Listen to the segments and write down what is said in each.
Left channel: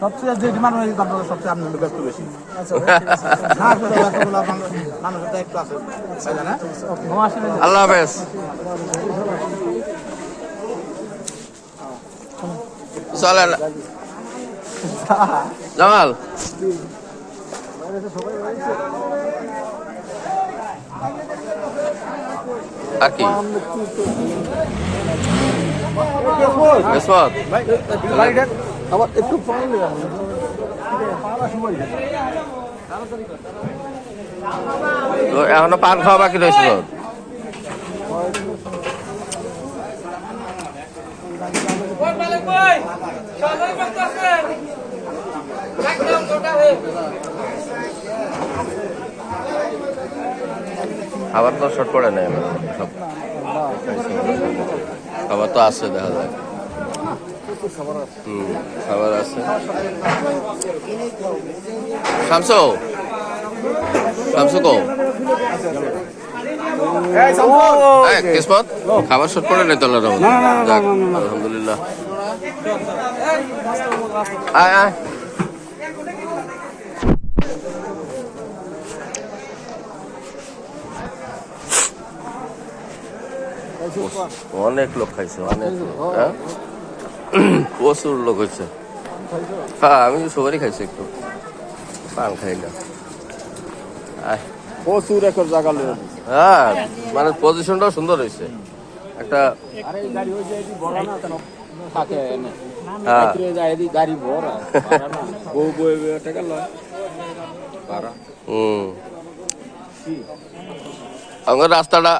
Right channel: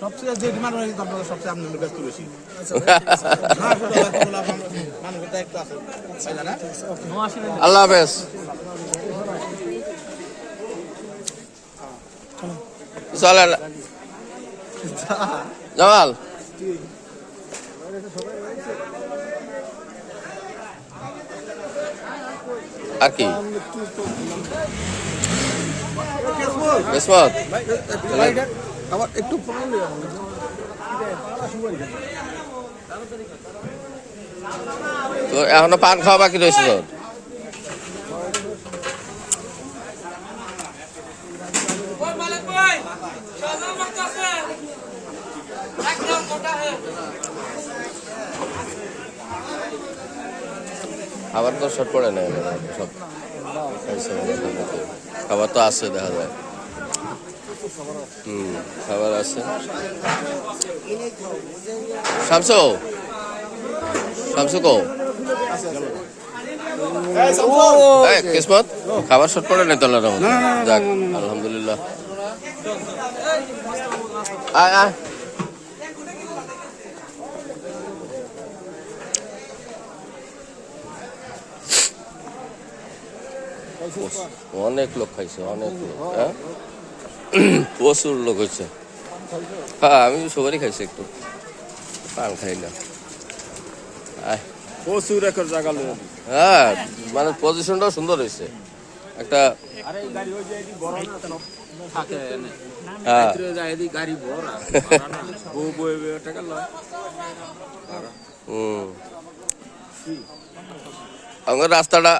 সবচেয়ে যে ডিমান্ড হয় আপনাদের সবচেয়ে আপনি ব্যস্ত বেশি। মানুষের দায়িত্ব আছে। আল্লাহ হাফেজ। চলেন জামাল, আর কি আবার একটু তো এখনো পান খাওয়া বাকি রয়েছে তো। খাবার তো শর্ট পড়ে নেই সব খাবার তো আছে দেখা যায়। খাবার আছে। শামসু শামসু কো কিসমত খাবার শর্ট পড়ে নেই তো আলহামদুলিল্লাহ। আয় আয় অনেক লোক খাইছে, অনেক লোক, প্রচুর লোক হয়েছে। হ্যাঁ আমি সবারই খাইছি, একটু পান খাই না। প্রচুর একটা জায়গা। হ্যাঁ মানে পজিশনটাও সুন্দর হয়েছে একটা। আমার রাস্তাটা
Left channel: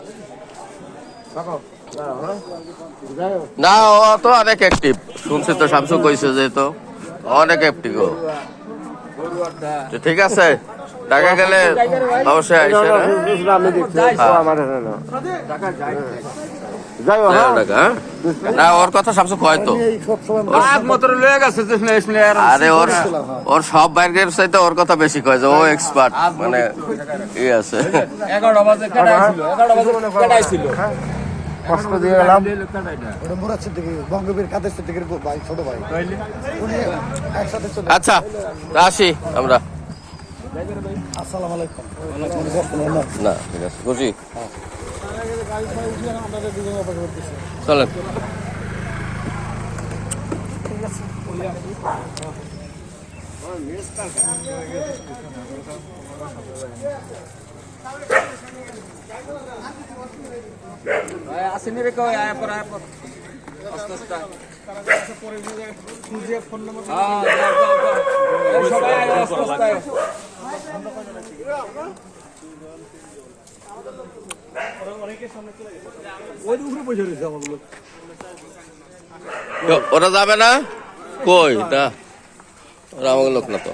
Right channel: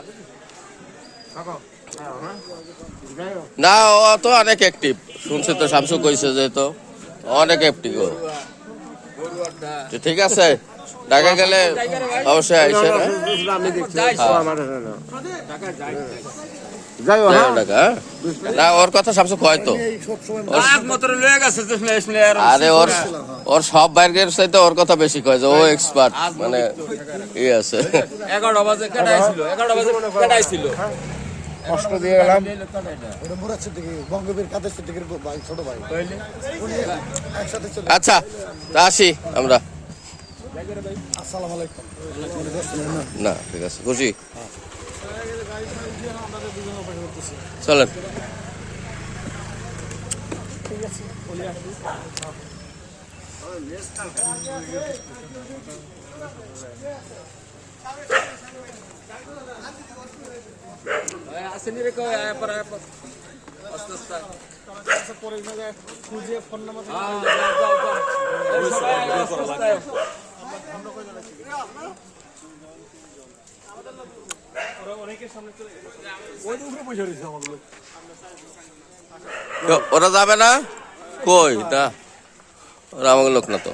না, ও তো অনেক অ্যাক্টিভ শুনছি তো, শামসু কইছে যে তো অনেক অ্যাক্টিভ। ঠিক আছে, ঢাকা গেলে অবশ্যই আইসে না। ওর কথা শামসু কয় তো, আরে ওর সব বাইরের চাইতে ওর কথা বেশি কয় যে ও এক্সপার্ট, মানে ই আছে। কষ্ট দিয়ে গেলাম বঙ্গবীর কাদের সিদ্দিকের ভাই, ছোট ভাই। আচ্ছা আসি আমরা। আসসালামু আলাইকুম। না ঠিক আছে, বুঝি চলেন। আসেনি রে কই আয় পর আস্তে আস্তে খুঁজে ফোন নাম্বার সবাই আয় আস্তে আস্তে। ওরা যাবে না কই, তা ওরা আমাকে লোক না তো।